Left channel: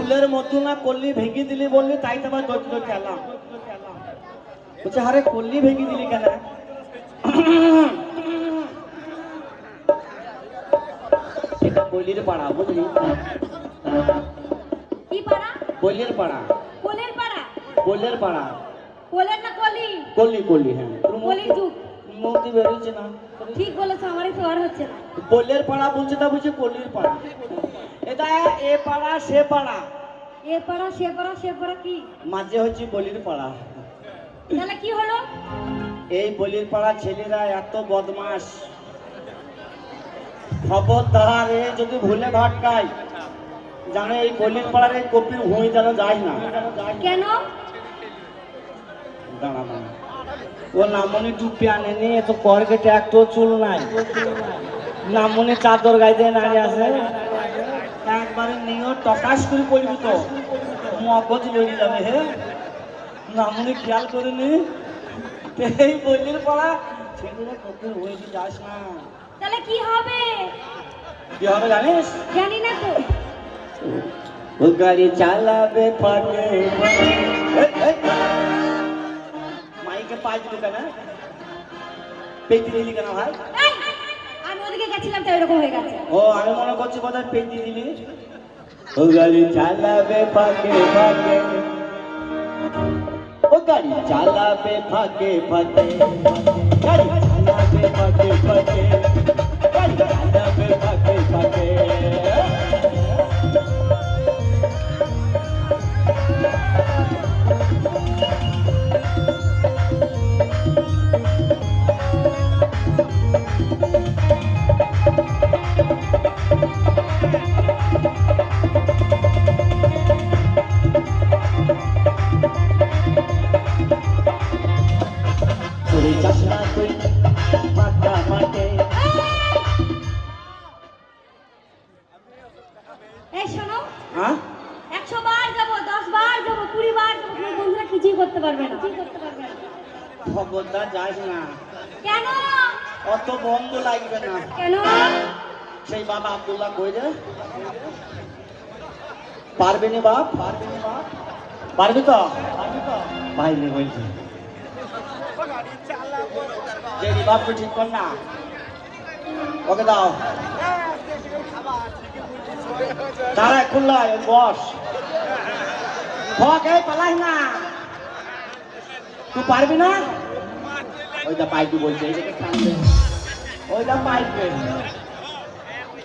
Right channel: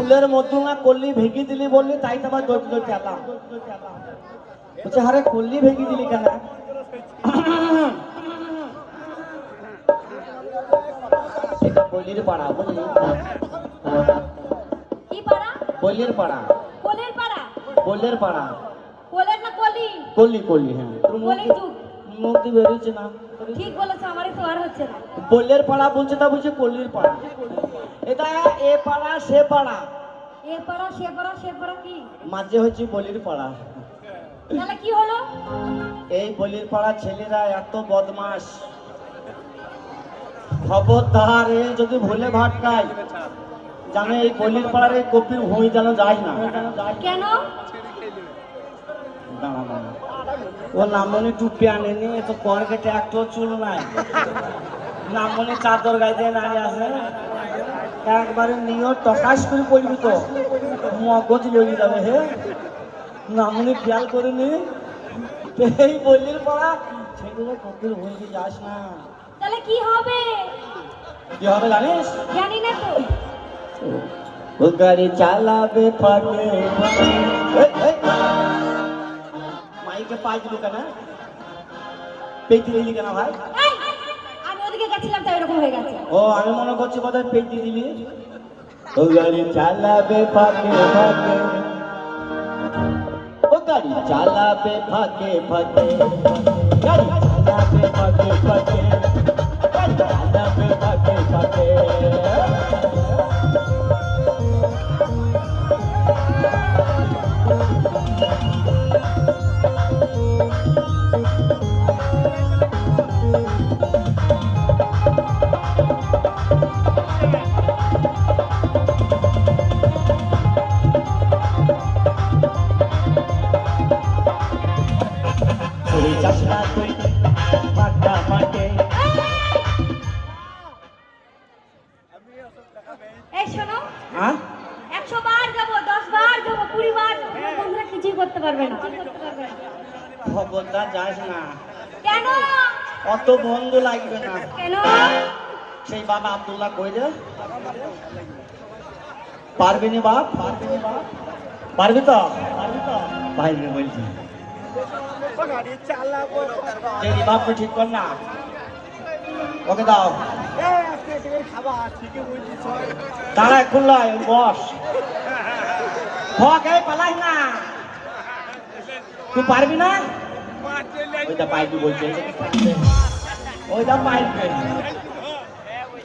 ফুলের মধ্যে না করলি ভেঙে দিলি বললি, তাই তো আবার দৌড় দৌড় খেলাম। বলছে আরে করলি ভেঙে দিলি কেন? এটা বলির পাড়া, বুঝলি? কি পাড়া? বলির পাড়া। কোলের পাড়া? বলির পাড়া। কোলের না কলি? কলি কলি, হ্যাঁ। কলি যুগ। মুক্তি বেরোচ্ছে না। ঠিক বলেছো, আমারই তো আর হচ্ছে না। বলির পাড়া বলছে, তা বলছে কলির পাড়া। এটা এ পাড়া সে পাড়া। এ পাড়া সে পাড়া, সে পাড়া কি? মাঝে হচ্ছে বলির পাড়া। তাহলে কি হলো? এই বলির পাড়া ছেলেরা এত বদমাস, খবরদার এ যদি ভুলে ভাটকায় জানে এই বলির পাড়ার এই কপির ভূমি যেন যায় না। কেন? দাঁড়া দাঁড়া, ও নামনি টুপি আনেনি, এত পর কেটে একটু চুল নাই। নামনি চাদর গায়ে দিয়ে নাড়িয়ে আসে, একবারে নিয়ে টকাশ করে পড়বি তো মগজ লেগে যাবে। হে নামনি খেয়াল করিনি, এই বলির পাড়া ছেলেরা কপির ভূমিতে যাস না। তাহলে কি হবে? কি হবে জানিস? জানি না তো। ও গাড়ি চালাবে পারে। মাইকে পাঁচ দিল কেন? পেটি দিলি কেন ভাই? এই, আমি ওদিকে গেছিলাম তাই এরকম হয়ে গেছে। ও আমি মনে করছি বোধহয় পেটি দিলি। ও গাড়ি চালাবে ফাঁকে ফাঁকে, ও গাড়ি চালাবে ফাঁকে ফাঁকে, গাড়ি চালাবে ফাঁকে ফাঁকে, গাড়ি চালাবে ফাঁকে ফাঁকে। তুই যাস না তুই ফাঁকা মাঠে। এই শোনো, হ্যাঁ 100 বার যাবো, 10 বার যাবো, 20 বার যাবো, তোমার বন্ধুরা কিছুই করতে পারবে না। কি করতে পারবে না? খবরদার যাস না, কেন? অত বন্ধ লাগবে না। কেন? সেই বাবা আব্দুল্লাহ কই রে? পারবি না বাপ? পারবি তো? পারবি বলছি। দেখি বাপ তো ঠিক কর না, ওকে দাও। দাঁড়া খুললাই বস। হক এই পালাই না, তুই পারবি না? ওইটা পাইবি বলছে, ওইটা পাইবে।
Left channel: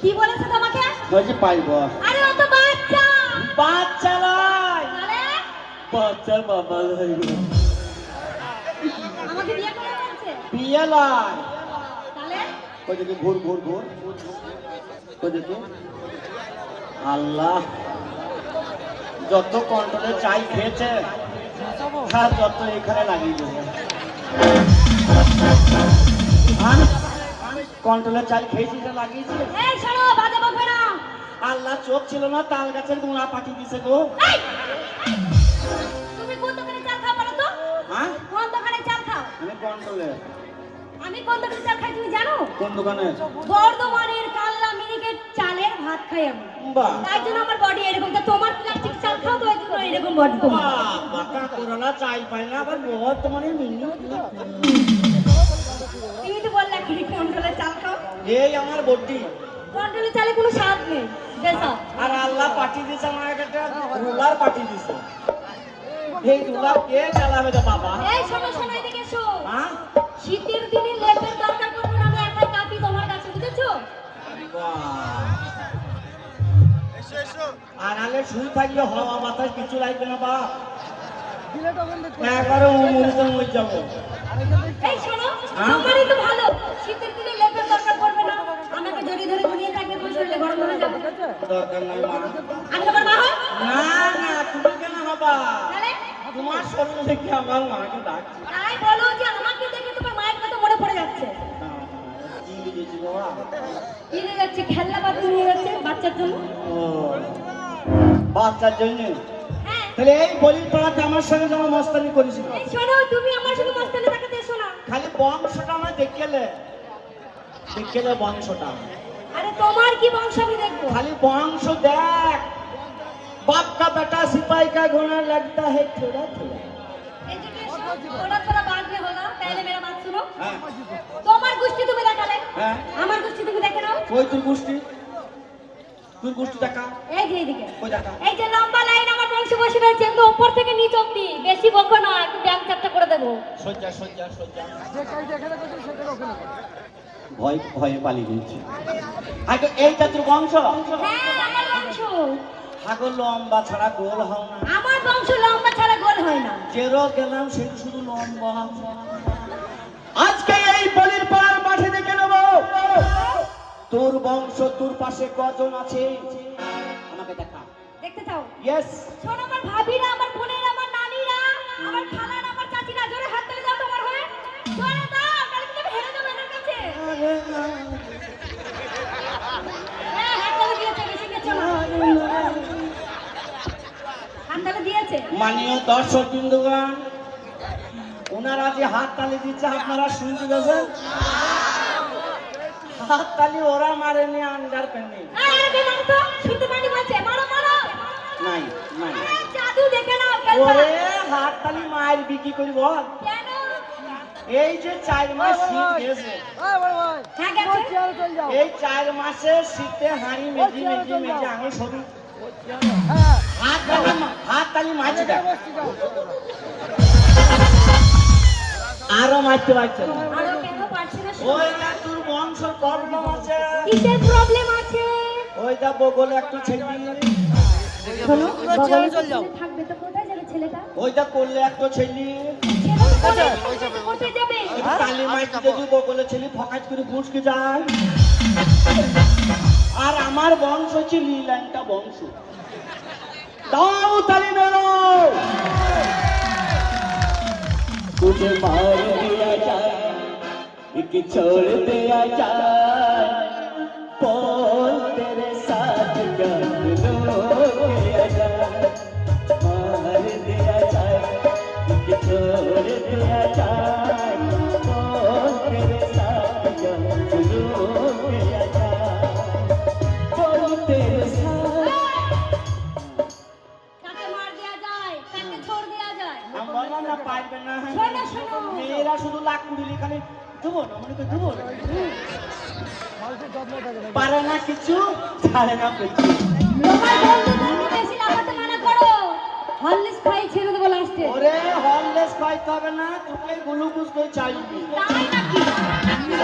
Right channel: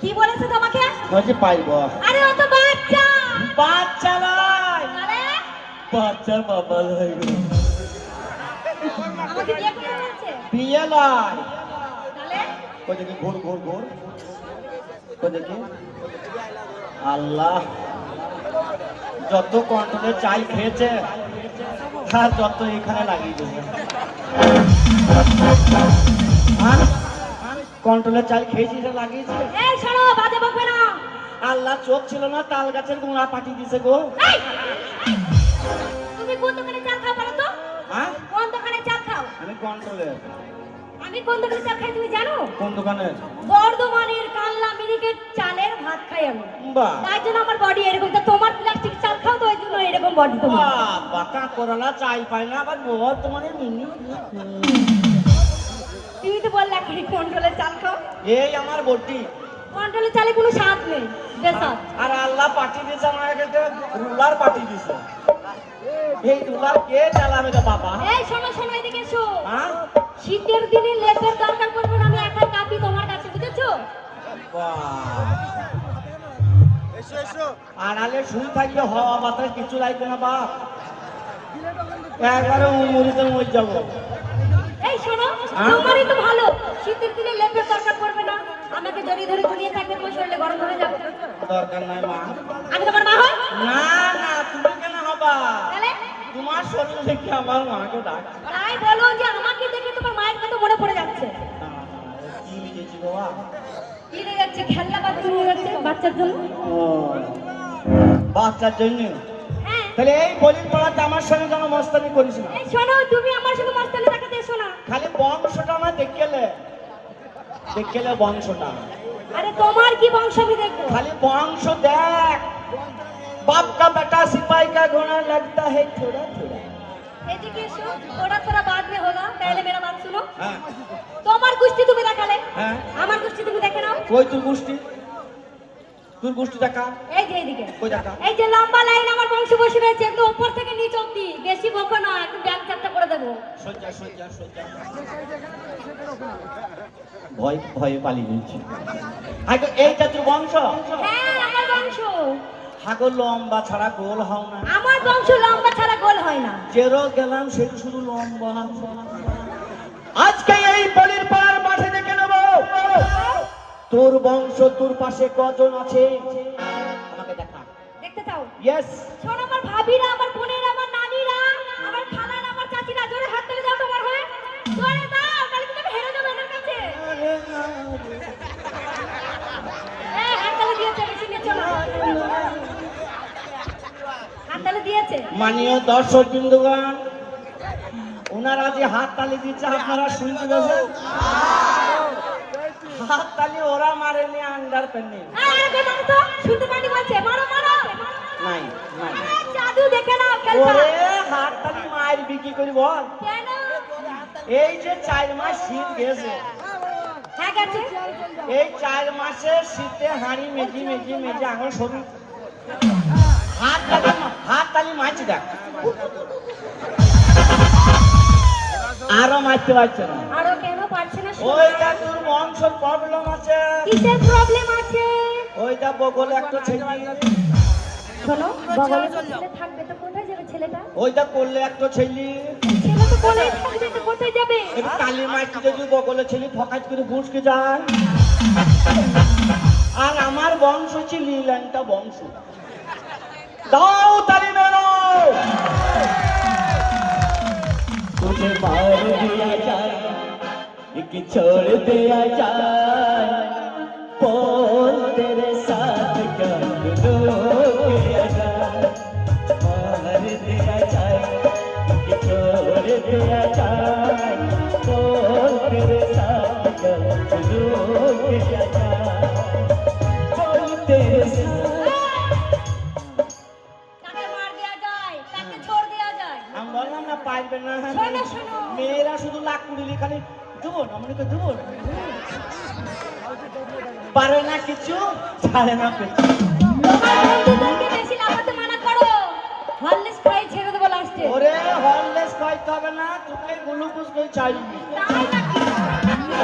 কি বলেছে তোমাকে? বলছে পাইব। আরে ও তো বাচ্চা। বাচ্চা নয়, তাহলে বাচ্চার বাবা লাগবে। আমাকে বিয়ে করতে বলছে? বিয়ে নয়, তাহলে ওই দেখি ঘুর ঘুর ঘুর, ওই দেখি। আল্লাহ, যত কন্ট্রোলে চাই খেয়েছে আর যত এখানে লাগিয়ে দেবে। কন্ট্রোলে চাল খেয়েছি, লাগিয়েছে। এই শোনো, বাজে বকবে না। আল্লাহ চোখ ছিল না, তাল গাছের গোড়া পাঠিয়ে দিছে গো। এই! তুমি কোন দোকানে চা খাও বলো তো? হ্যাঁ কোন দোকানে চা খাও? আমি কন্ট্রোলে। আমি কোন দোকানে চা খাই তুমি জানো? কোন দোকানে? বর্ধমানের কাল্লা মিনিকেট চালের ভাত খাই আমি। বাহ তাই জন্য আমার বডি এরকম। তো তোমার প্লাস্টিক চাল খাও তো এই জন্য এরকম বডি তোমার। বাঁকা করলা চাই পাই না, আবার মোহর তোমার তুমি তো বললে এখনই কন্ট্রোলে চাল খাও। এই আমার বডি। কন্ট্রোলে চালে কোনো স্বাদ নেই, বেসাদ। আর আল্লাহ পাঠিয়ে দিয়েছে আমাকে একটা রুলার পাঠিয়ে দিয়েছে। এই রুলার কে চালাবে রে বাবা? এই শোনো শোনো, এদিকে এসো। হ্যাঁ শীতের দিনে লেপের দরকার পড়বে না, আমি একাই কাঁপি তোমার কাছে, বুঝেছো? আর আলে শুন থাকলে হওয়া বাতাস কিছু লাগবে না বাপ, একবারে মরিতে মরে যাবো। এই শোনো, তোমারই তো ভালো, শীতের দিনে লেপের দরকার পড়বে না, আমাকে ধরে ধরে ঘুরিয়ে থাকবে, তো শরীরে গরম হয়ে যাবে। দরকার নাই মা। আমি তোমার মা হই? না না, তুমি কেন হবা? তাহলে তোমার শরীর দেখে আমার মাকে ডাক। তাই বলো যে আমাকে দেখে তোমার মায়ের কথা মনে পড়ে যাচ্ছে। কি লিখেছি বাবা? কি নিয়ে যাচ্ছে? খেলনা পাতি নিয়ে যাচ্ছে বাচ্চার জন্য। ও, বাচ্চার জন্য? হ্যাঁ। তাহলে এই বলির পাড়াতে আমার সঙ্গে যেন মস্তানি করিস না। এই শোনো, তুমি আমার সাথে মস্তানি দেখাতে এসো না। খালি বংশটা আমার দেখলে বংশটা। আরে তোমার কি বংশ আমি দেখবো? খালি বংশ দেখ, बाप का बेटा सिपाही का गुना लगता है थोड़ा थोड़ा। एजुकेशन थोड़ा थोड़ा बाद में होगा, पहले मेरा बात सुनो। हाँ। তোমার গোষ্ঠী তুমি দেখালে, হ্যাঁ। আমার গোষ্ঠী তুমি দেখে নাও। কই তোর গোষ্ঠী? তোর গোষ্ঠী দেখা এই যে এইদিকে, কই দেখা? এই যে লম্বা লাইন আমার বংশ বসে রয়েছে, একদম উপর থেকে নিচ অবধি। বেশি বকো না, একটু ব্যাংক চ্যাপ্টা করে দেবো। সজ্জা সজ্জা সজ্জা ভয় ভয়ে পালিয়ে গেছে। আগে এইটা তোর বংশ? হ্যাঁ, আমার বংশ। হাগর লম্বা ছাড়া গোল হও না। আমার বংশ লম্বা ছাড়া গোল হয় না। যেরো গেলাম সেটা শুধু লম্বা। আজকে এই বলির পাড়ার মাঠে দেখে নেবো তোর বংশ তোর পাশে কজন আছে, আমাকে দেখা। দেখতে চাও? ইয়েস। শোনো, আমার ভাবিরা, আমার বোনেরা, আমার নানিরা, আমার খালারা, আমার চাচিরা, জোরে হাত তুলে দাও তোমার হয়ে। জোরে দাও, তাহলে তুমি হেরে যাবে এদের কাছে। হ্যাঁ, হাত তালি দিয়েছে, বেশি দিয়েছে না। হাত তালি দিয়েছে। মাননীয় দর্শক বিন্দুগণ, ওনারা যে হাত তালি দিচ্ছে আপনারা শুনতে পাচ্ছেন? হাত তালি ওরা মারেনি, আন্ডার পেন্নি আরে বে মারো তো, শুনতে পাইনি বলছে, মারো মারো। নাই নাই। জাদু দেখে নাও ওরে খেলবা। হাত তালি মায়ের বিক্রি করি বল। কেন? এই যে 4 মাস শীত গেছে, হ্যাঁ গেছে। এই 4 মাসে শীতে হাঁড়ি মেজি মেজি মেজি আঙুল সরু। হাত তালি মারছি দেখ, আরো মারতে পারছে না। আরো কেন পারছে না? ওইটা তোর বংশের প্রবলেম আছে। কিসের প্রবলেম আছে? ওইটা বগলে একটা ছেলে, শোনো, বগলে থাকবে তো কোথায় যাবে ছেলেটা? ওইটা করলে একটা ছেলে, ছেলে তো কোলে থাকবে তো কোথায় যাবে? কিন্তু কালি মাইটি যদি বগলে ছেলে ফকাট করে বুঝকে যায়। আর আমার বংশ হচ্ছে লীলান্টা বংশ। দাও তালি মেলো। तुझे मार दिया जाए एक छोड़ दिया जाए बोल तेरे साथ किया जाए मार दिया जाए एक छोड़ दिया जाए बोल तेरे साथ किया जाए बोल तेरे साथ। কাকে মার দেয়া যায়, কাকে ছোড় দেয়া যায়? আমি বললাম না পাইবে না, শোনো, শোনো। মেয়েরা শুধু লাখ কুড়ি খালি দেবো না, মনে করে দেবো না, পারে না কিছু, ছাড়ে না কিছু। তোমার বন্ধুদেরকে বেশি লাগাতে মানা করো। হরলিক্স খাই ছেড়ে দেবো লাস্টে। ওরে হরলেস খাইতে হবে না, তোকে গ্লুকোজ করে চাইবি।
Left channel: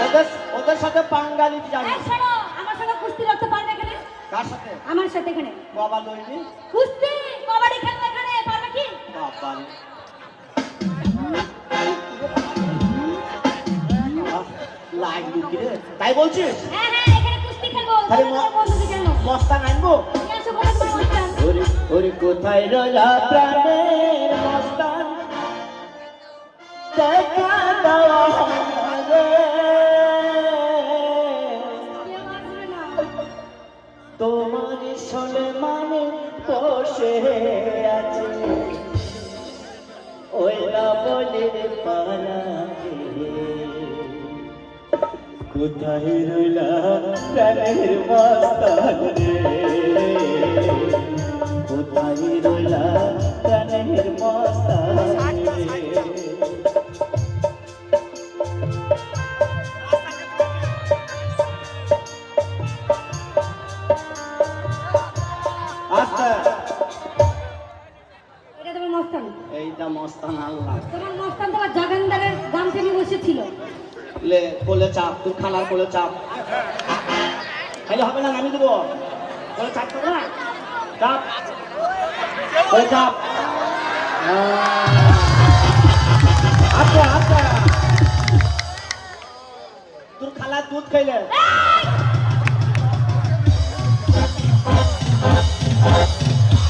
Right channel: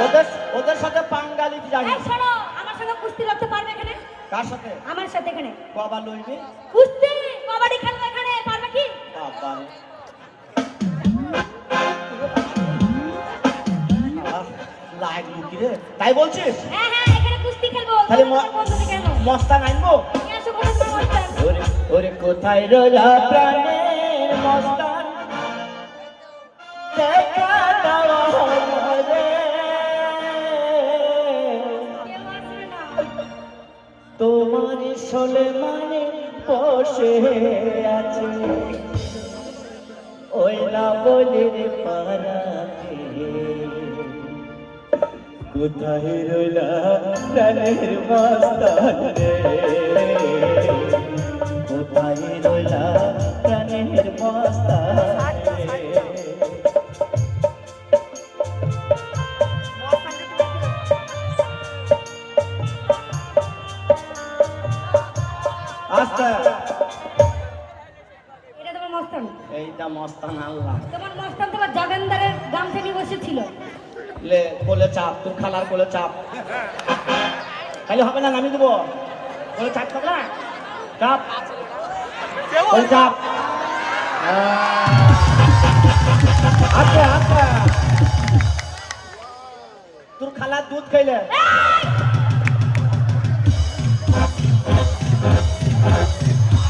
ওদের ওদের সাথে পাঙ্গা দিতে যাবি। এই শোনো, আমার সঙ্গে কুস্তি লড়তে পারবে এখানে? কার সাথে? আমার সাথে এখানে বাবা লইবি। কুস্তি, কবাডি খেলবে এখানে, পারবে কি? বাবা লাগলো কি রে, তাই বলছিস? হ্যাঁ হ্যাঁ, এখানে কুস্তি খেলবো। খালি তোমার বন্ধুদের কেন? মস্তান আনবো? নিয়ে আসো, বলো তো মস্তান। ওরে ওরে কোথায় রইলা প্রাণের মস্তান, দেখা দাও আমারে। তোমার সোলে মানে বসে আছে ওই লাবণের পাড়াতে, কোথায় রইলা প্রাণের মস্তান রে, কোথায় রইলা প্রাণের মস্তান রে। আচ্ছা এটা তোমার মস্তান। এইটা মস্তান আল্লাহ তোমার মস্তান তোমার জাগানদারের গাম থেকে বসেছিল। লে কোলে চাপ, তোর খালার কোলে চাপ, খালি হবে না, নামি দেবো। কোলে চাপ হবে না, চাপ কোলে চাপ। আচ্ছা আচ্ছা, তোর খালার দুধ খাইলে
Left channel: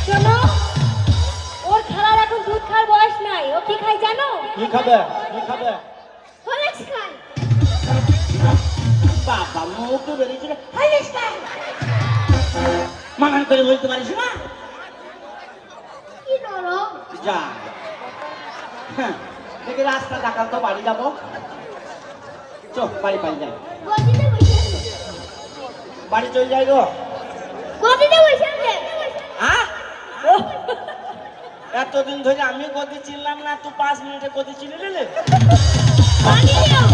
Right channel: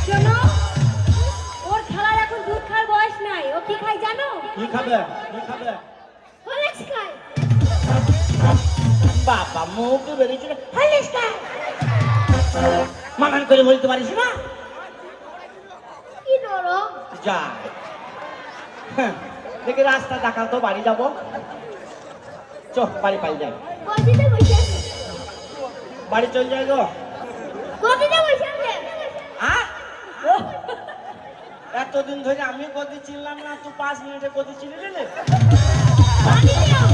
শোনো, ওর খালার এখন দুধ খাওয়ার বয়স নাই। ও কি খায় জানো? কি খাবে, কি খাবে? হরলিক্স খায়। বাবা মুখ তো বেরিয়েছে, হরলিক্স খায়। মানান করে বলতে পারিস না। কি বলো? যা হ্যাঁ, দেখি রাস্তা দেখাল তো, বাড়ি যাবো, চল বাড়ি পাই যাই, গদিতে বসে আছে। বাড়ি চল যাই গো। গদিতে বসে আছে। হ্যাঁ, এতদিন ধরে আমি গতি চিনলাম না, তুই 5 মিনিটে গতি চিনে নিলে। পানি নাও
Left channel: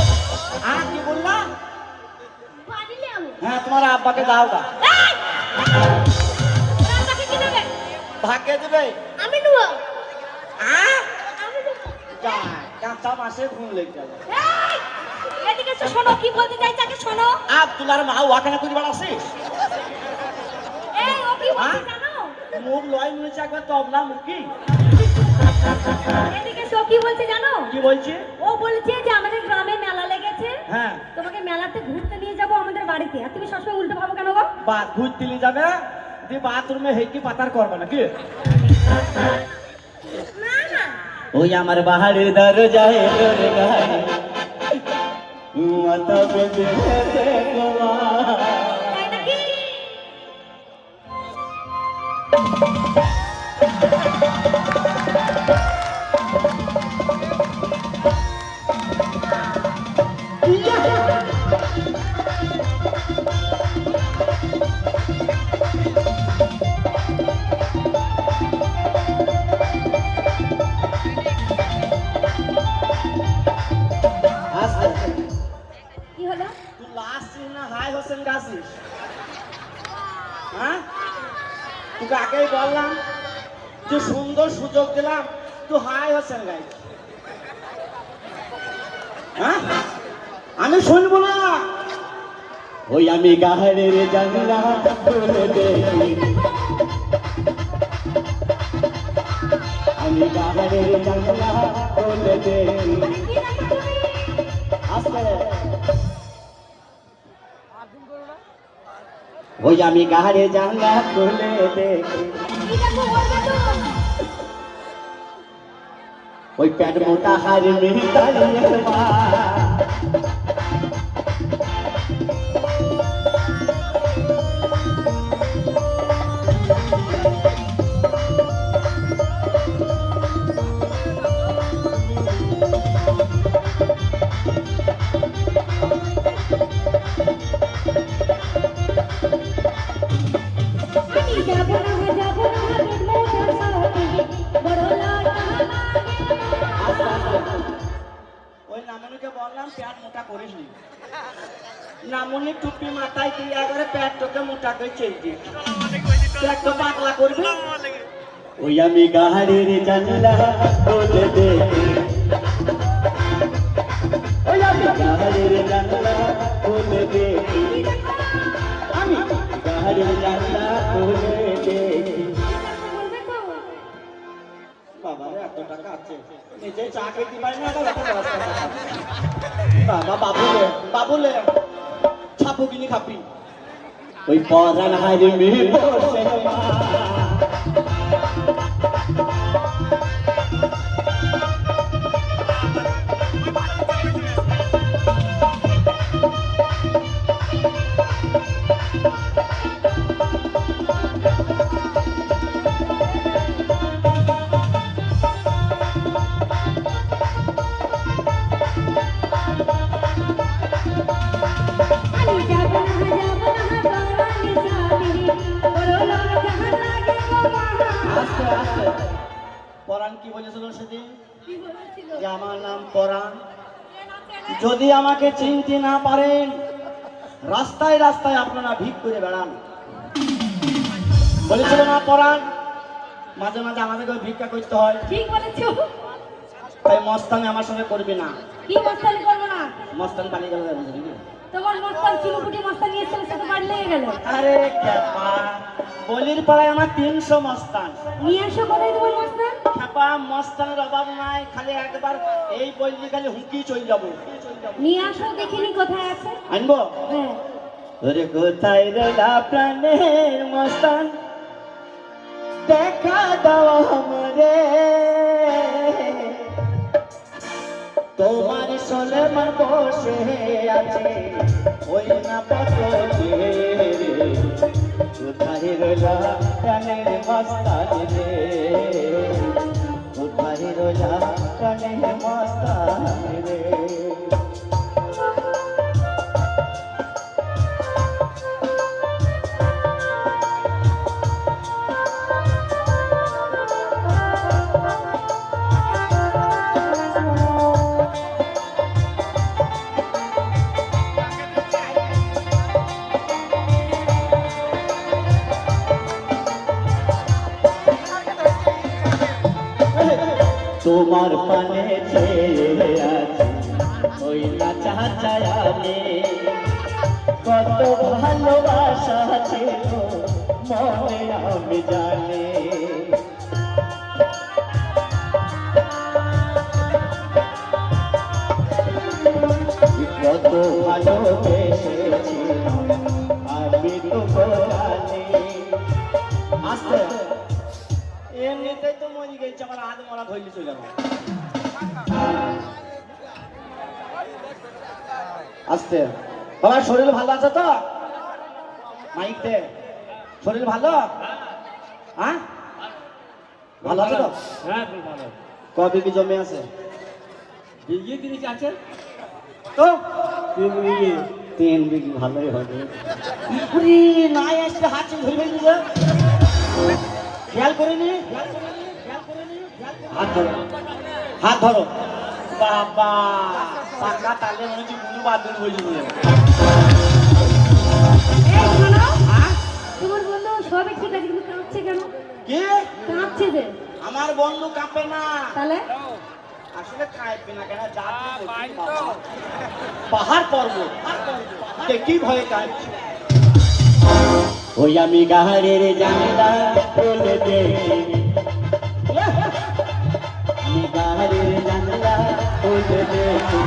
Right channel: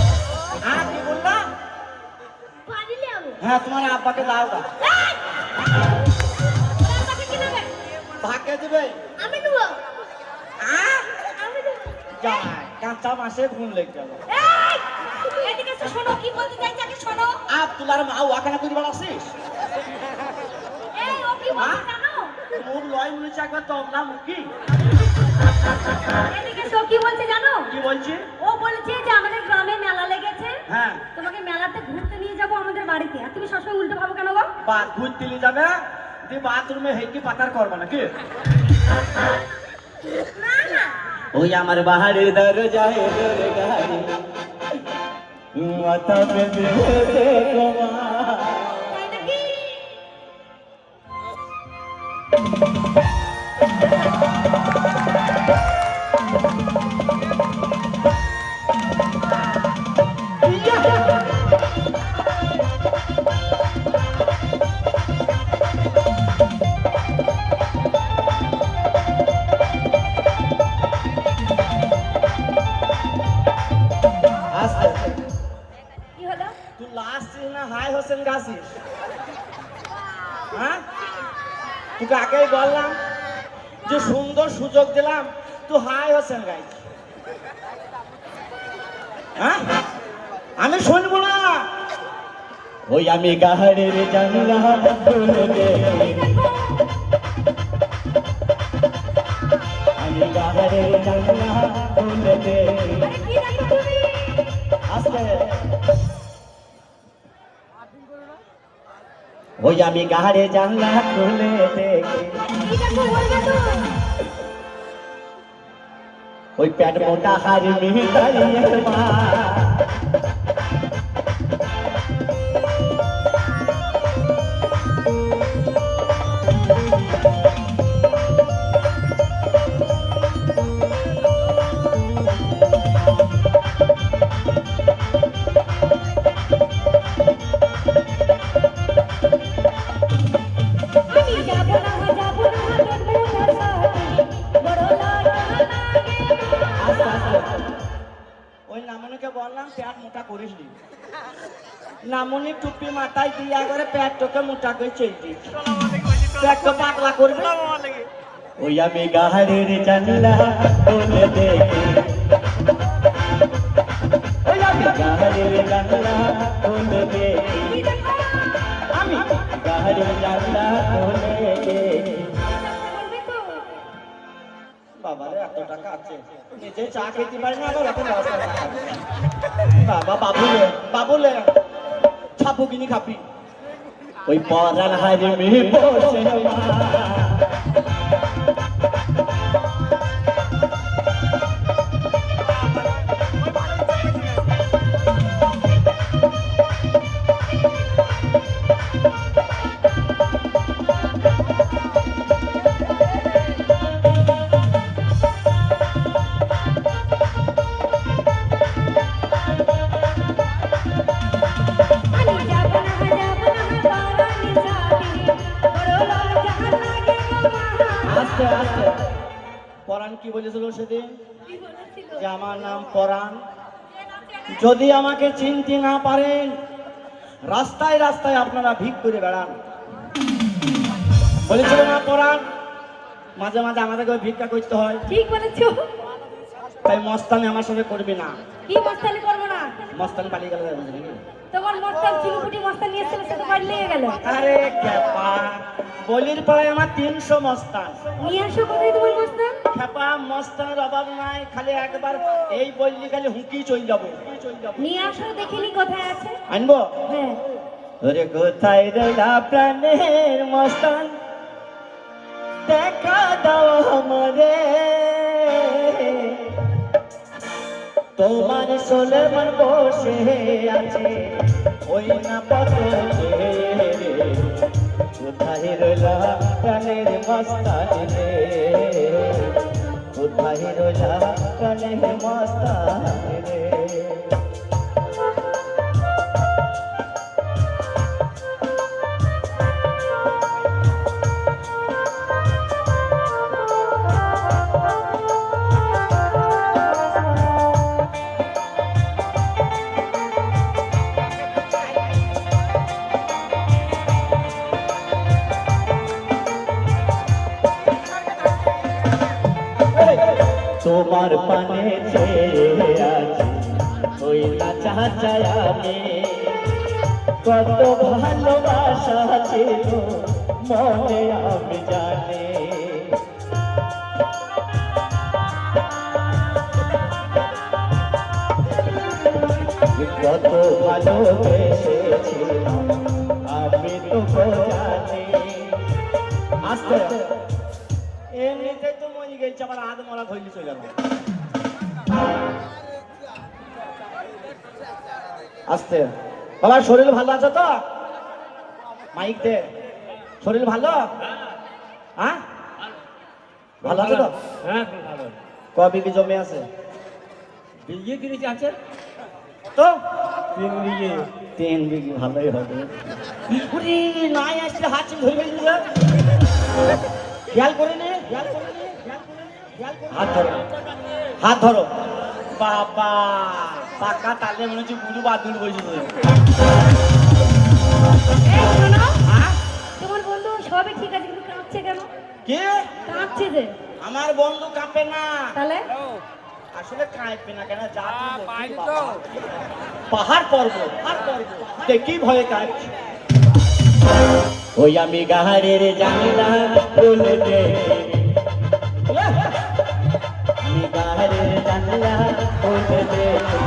হ্যাঁ কি বললো? পানি নাও হ্যাঁ তোমার আব্বাকে দাও গা, টাকা কি দেবে ভাগে দিবে। আমি দেবো হ্যাঁ আমি দেবো যা কাঁচা মাসে ঘুম লেগে গেল। এদিকে এসে শোনো কি বলতে চাইছে আগে শোনো তোলার মা ওখানে তুই বলা আসিস এই ও কি বলছে জানো মুখ লয় মনেছে একবার তবলা মুখি। এদিকে এসে ও কি বলছে জানো কি বলছি? ও বলছে যে আমাদের গ্রামে মেলা লেগেছে হ্যাঁ তোমাকে মেলাতে ঘুরতে নিয়ে যাবো আমাদের বাড়িতে আর তুমি সবসময় উল্টো ভাবো কেন গো বাদ ঘুরতে নিয়ে যাবে দিয়ে বাথরুমে হেঁটে পাতার করবে নাকি? না না ওই আমার বাহারের দরজায় তোর গায়ে মাথা পেতে গোয়া। তাই নাকি কি হলো তুই লাস্ট না হাই হোসেন গাছিস? হ্যাঁ তোকে আগেই বললাম যে সুন্দর সুযোগ দিলাম, তুই হাই হোসেন গাইছিস। হ্যাঁ আমি শুনবো না। ওই আমি গাহারের জানলা খুলে দেখি, আমি গাহারের জানলা খুলে দেখি। কি দেখো তুমি আসলে ওই আমি গাহারে জানলা খুলে দেখি, কি দেখো বলবে তো ওই পেট মোটা হারি মিহিতারি মা। আমি যাব না হাতের মোটা সাথে বড় লাগে আস্তে আস্তে ওই নামনিকে বললাম পেট মোটা করিস নি। নামনি টুপি মাথায় দিয়ে আগে পেট তোকে মোটা করে চেয়েছি, পেট তো পাতলা করবি। ওই আমি গাহারের জানলা খুলে দেখি, ওই আমি গাহারের জানলা খুলে দেখি, আমি গাহারের জানলা খুলে দেখি। বলবে তো বাবারে এত টাকা আছে, এই যে চা খেতে পারি না আবার ওকে ব্যবস্থা করতে হবে। বাবা বাবুলে ছাপু কিনি খাবি ওই পরান হারে মেয়ে বসে মা। আমি যাব না বারানে যাবে বড় লাগে আস্তে আস্তে পরান কি বলেছিল সেদিন যে আমার নাম পরান, যদি আমাকে চিনতে না পারেন রাস্তায় রাস্তায় আপনারা ভিক করে বেড়ান। বলেছিল না পরান? মাঝে মাঝে আমাদেরকে ভিক্ষা করতে হয়, ঠিক বলেছো তাই মস্তানি আমার সাথে করবি না। কি মস্তানি করবো না মস্তানি পানি গেলে যাবে নাকি? তোমার মস্তান চিরুকুটি মস্তানি এসে সাথে গাড়ি লেগে গেল আরে খেপা, বলির পাড়ায় আমার 300 মস্তান। নিয়ে এসো কোথায় তোমার মস্তান খেপা মস্তানের অভাব নাই, খালি একবার এই বললি খালি হুঁকি চলে যাবো। নিয়ে আসো দেখিনি কোথায় আছে আনবো? হ্যাঁ ওরে কোথায় রইলা প্রাণের মস্তান, দেখা দাও আমারে, তোমার সোলেমান বসে আছে ওই না পথে। কোথায় রইলা প্রাণের মস্তান রে, কোথায় রইলা প্রাণের মস্তান রে। তোমার পানে চেয়ে আছি ওই না চাচায় আমি কত ভালোবাসা ছিল মনে আমি জানি কত ভালোবেসেছিলাম আমি তো জানি আস্তে এমনিতেই তো মরে গেছে আমার হাত মনে ধরে চলে গেল আস্তে বাবার শরীর ভালো আছে তো মাইক দে শরীর ভালো হ্যাঁ ভালো আছে তো হ্যাঁ ভালো কবে কি জমে আছে বিয়ে কিনেছি আছে তো 3 বিঘে 3 বিঘি ভালোই হবে ইপুরি নাই আসলে হাত চুল ধরে ফেলছে খেয়াল করিনি হাত ধরো হাত ধরো বাবা পাকা তালে মনে হচ্ছে গুরু বাদুর বলছে এই শোনো, তোমার বন্ধু সবই ঠিক আছে কিন্তু কাঁদছে কেন? কে কাঁদছে যে। আমার বন্ধু কাঁপে না তাহলে আসলে কাঁপে না কেন জাতি বলছি বাবা পাহাড় পর্বত কি ভয়ে কাঁপছে ওই আমি গাহারের জানলা বলে দেখি আমি গাহারের জানলা বলে দেখি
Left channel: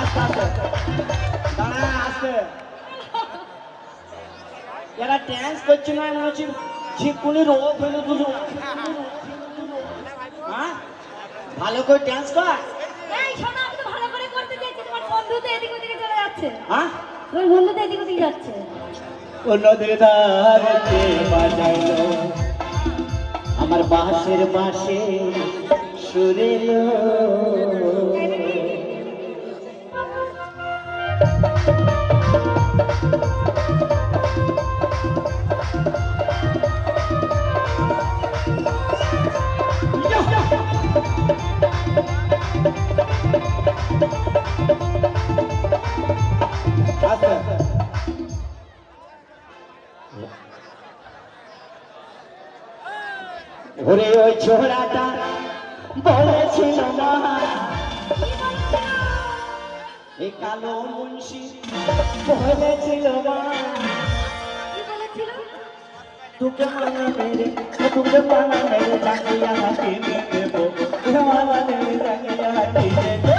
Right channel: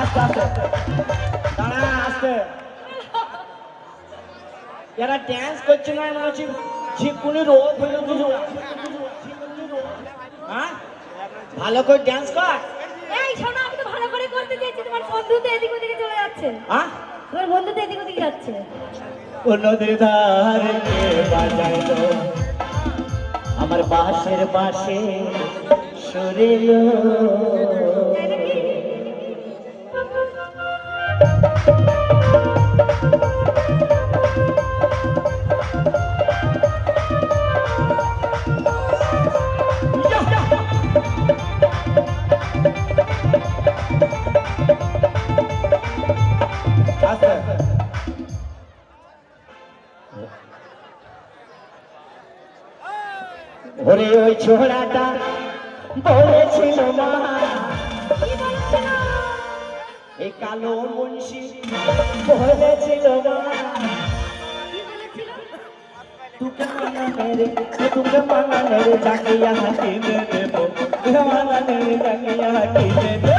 আস্তে আস্তে দাঁড়া আস্তে এরা ড্যান্স করছে না মনে হচ্ছে ঝিকুনি রোগ হইলো বুঝো হ্যাঁ ভালো করে ড্যান্স কর এই শোনো, আমি তো ভালো করে করতে চাইছি, তোমার বন্ধু তো এদিক ওদিকে চলে যাচ্ছে। হ্যাঁ তোমার বন্ধু তো এদিক ওদিকে যাচ্ছে। কোন দিদারকে বাজাইলো আমার বাঁশের বাঁশে সুরেলো ওরে ওই ছোড়াটা বলেছিল মা এই কালো মুন্সি বলেছিল মা কি বলেছিল? তোকে মানা মেরে জাঙ্গিয়া হাঁটি দেবো তোকে মানা মেরে জাঙ্গিয়া হাঁটি দেবো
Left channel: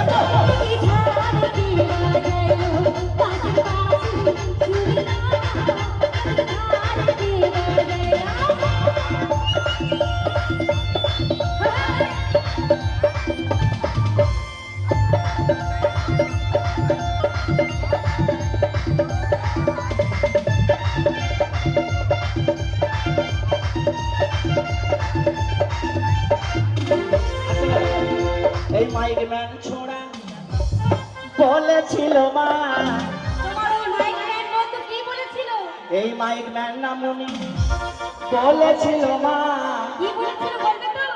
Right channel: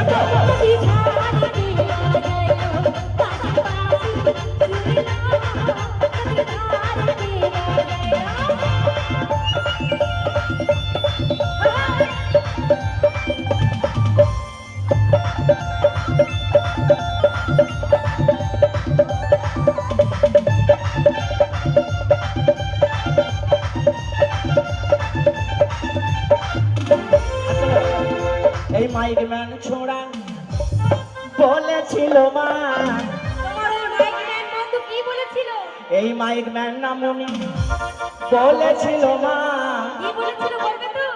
এই মাইক ম্যান ছোড়া বলেছিল মা তোমার ওই মাইগ্রেন বন্ধু কি বলেছিল? এই মাইক ম্যান নামনি বলেছিল মা কি বলেছিল বলবে তো?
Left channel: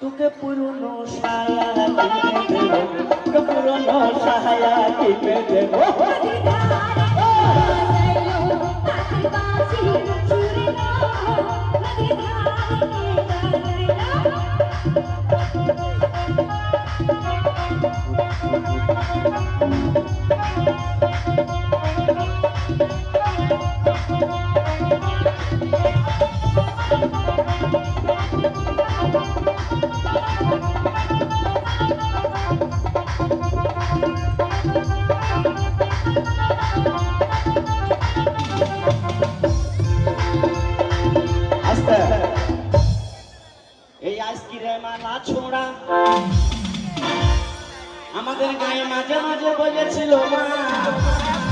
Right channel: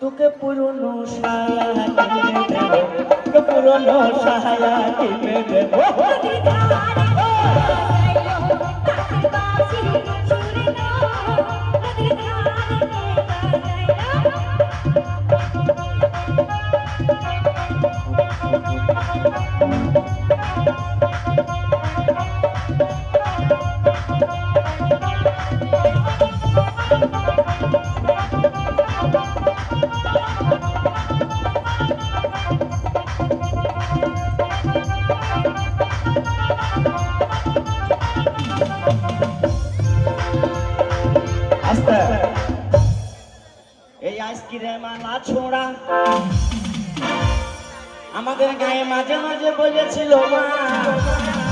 তোকে পুরনো সায়া কিনে দেবো তোকে পুরনো সায়া কিনে দেবো আস্তে এই আইসক্রিম আলা ছোড়া আমাদের গায়ে মাঝে মাঝে বলেছিল মা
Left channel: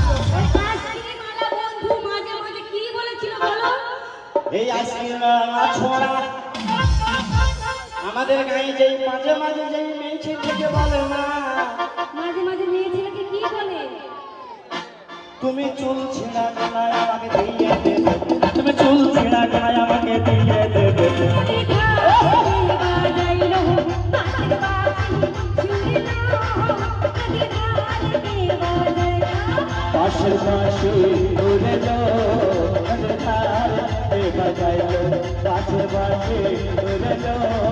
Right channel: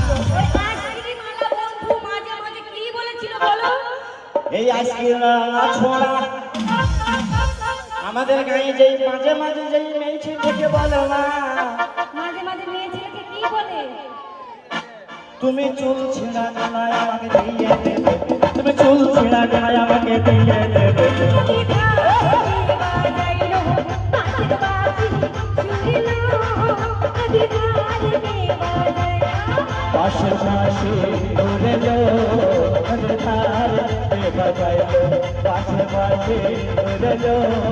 ওই আইসক্রিমওয়ালা বন্ধু মাঝে মাঝে কি বলেছিল বলো? এই আইসক্রিম আলা ছোড়া আমাদের গায়ে যেই মাঝে মাঝে যেই মেয়েছে থেকে বলো মা মাঝে মাঝে মেয়ে ছেলেকে কি বলে? তুমি চুল ছিঁড়া গায়ে আমাকে দিয়ে দেবে তুমি চুল ছিঁড়া গায়ে আমাকে দিয়ে দেবে পাশে পাশে উড়ে লো বাজাইলো পাশে পাশে উড়ে লো